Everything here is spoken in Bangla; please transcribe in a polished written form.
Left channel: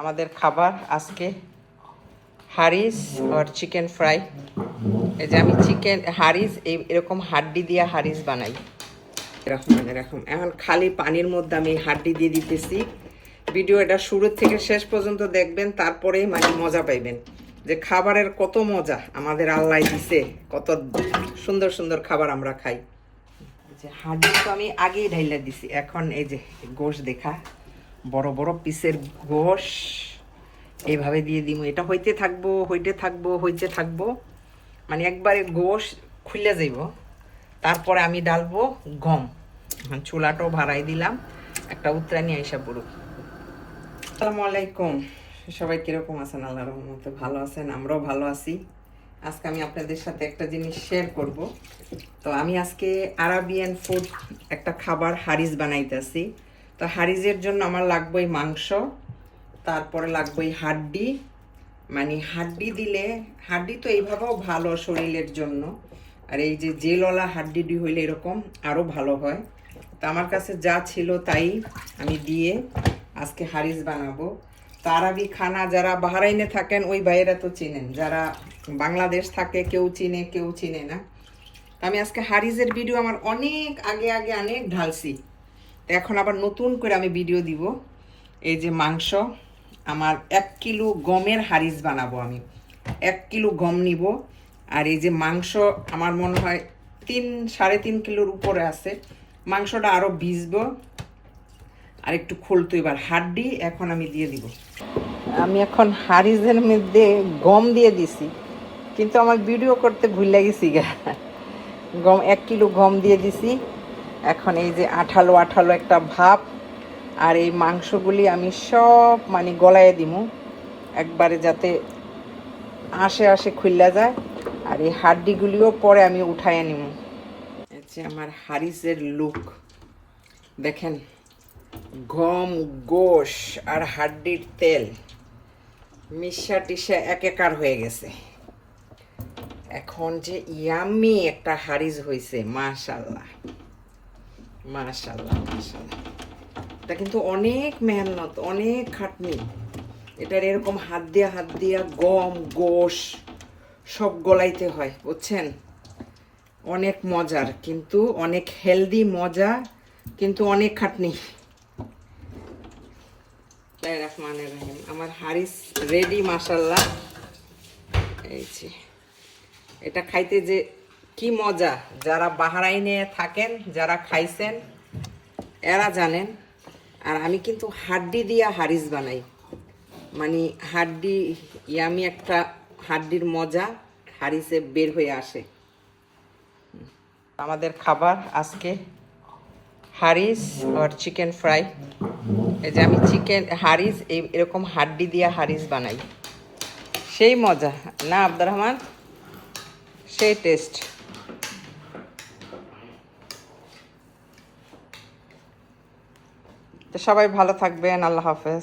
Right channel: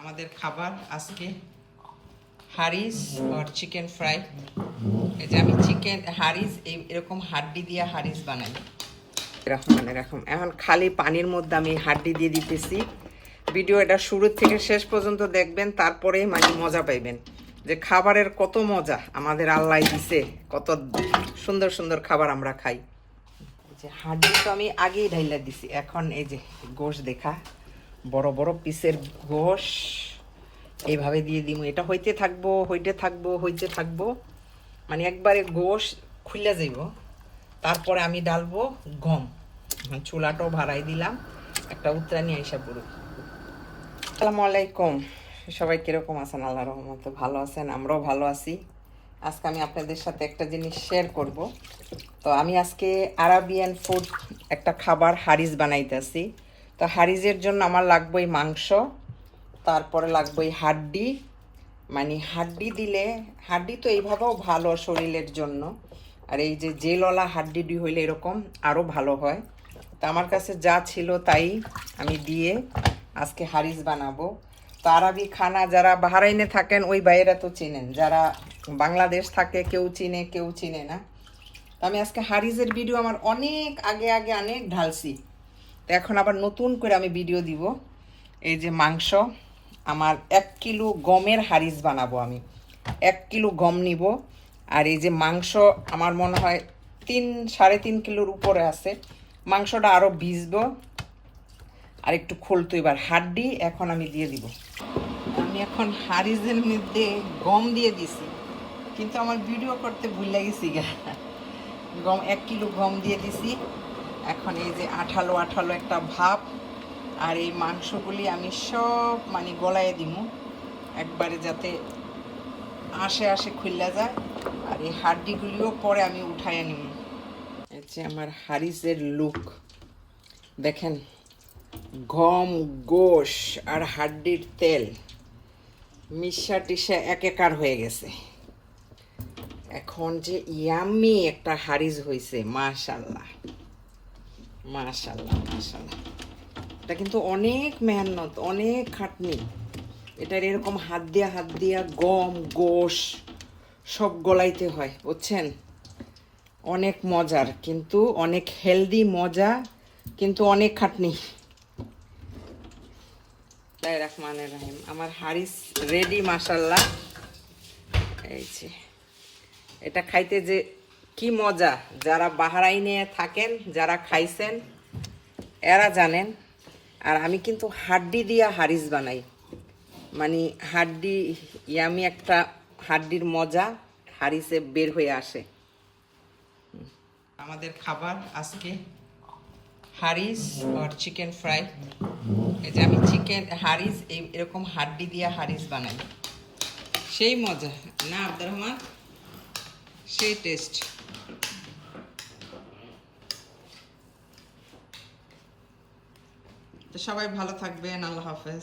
আমাদের খাবার আজকে হারিস আর চিকেন ফ্রাই। এই যে আমি চিকেন হারিস এরকম হাড্ডি দিয়ে হারিস বানাই। এরকম এখন খালি পানির মধ্যে আমি হাড্ডি দিয়ে দিতেছি। ভিডিওটা শুরু থেকে শেষ পর্যন্ত দেখবেন, তারপরে মানে মজা পাইবেন যে খাবারের কত মজা আমাদের আল্লাহ দিছে, কত সুন্দর সুন্দর খাবার আমরা খাই। যে হাড্ডি তো আমি আগেই ঢাইলা দিছি। এখন এই যে গোশ দেখা, বড় বড় পিসের গোশ এইভাবে দিয়ে দিব। এটা হইতে থাকবো মানে একবারে গোশ খুলে যাইব। তারপরে আমি ডালবো গম। চুলাটাও ভাড়াই দিলাম, একটা উত্তরানি আইসা পড়ু। আসসালামু আলাইকুম, সবাই কিরকম আছেন? আল্লাহর রহমতে ভালো আছেন, আমরাও ভালো আছি। আজকে আমি আপনাদের সাথে একটা জিনিস শেয়ার করব। তো আমি আজকে আরাবিয়ান ফুড একটা খাবার হারিস বানাইতেছি। তো হারিসের জন্য আমার লাগবে মাংস, তারপরে লাগবে হাড্ডি। মানে হাড্ডি দিলে, হাড্ডি তো এইভাবেও ভালো শরীরের জন্য, আর এই যে জেলওয়ালা হাড্ডি হইলে এরকম আরও ভালো হয়। তো আমার কাছে যা ছিল তাই আমি দিয়ে আজকে হারিস বানাবো। তো আরবি খানা যারা বাহরাইনে থাকেন ওই বাইরে তো চিনেন, যারা বাংলাদেশ থাকে কেউ চিনে কেউ চিনে না। তো আমি আজকে হারিসের ভিডিও আমার অনেক আগে অনেক ঢালছি। তো এখন আবার নতুন করে আমি ভিডিও দিব। এই যে মাংস, আমার 1 কিলো গমের হারিস বানাবো আমি। 1 কিলো গম নিব। আর এই যে মাংস আমার মনে হয় 3-3.5 কিলোর উপরে আছে। মাংসটা আরও ভিজবো আর একটু খুলতো। এবার হাড্ডি এখন আমি দিয়ে দিব। আমি এখন হারিসের মধ্যে গম দিয়ে দিছি, কিন্তু আমার ভিডিও করতে ভুলে গেছি গম 1 কিলো গম দিয়ে দিছি। এখন এই যে আঠালো আঠালো একটা ভাব, আর এই মাংসগুলি আমি সব মানে গলায় দিমু একবারে, যাতে আশে খুললা যায়। আর এই হাড্ডিগুলিও পরে আমি উঠায় নিব। আচ্ছা, আমার হারিসের লুক দেখেন, গম, গোশ আর হাড্ডির তেল মিশা টিশা একাকার হয়ে গেছে। এখন যে ইয়াম্মি একটা হারিস হয়েছে, মাশাল্লাহ মাশাল্লাহ মাশাল্লাহ। এটা কিন্তু অনেক মেহনত, অনেক খাটনি। এটার এরকম হাত দিয়া গম গোশ সব গলাইতে হয়, বুঝছেন? অনেক মজার, কিন্তু অনেক হেলদি, মজা, কিন্তু অনেক খাটনি। রহমানির রহিম, আমার হারিস রেডি মাশাল্লাহ। এই যে এটা খাইতে যে কি মজা, যারা বাহরাইনে থাকেন, যারা খাইছেন এরা জানেন। আর আমি কিন্তু হাড্ডি দিয়া হারিস বানাই, মানে হাড্ডি ইয়ামি একটা হাড্ডির মজা হারিসে বের হয়ে আসে। আমাদের খাবার আজকে হারিস আর চিকেন ফ্রাই। এই যে আমি চিকেন হারিস এরকম হাড্ডি দিয়া হারিস বানাই, সেই মজা না আব্দুর রহমান, সেই টেস্ট। তো সবাই ভালো থাকবেন, আল্লাহ হাফেজ।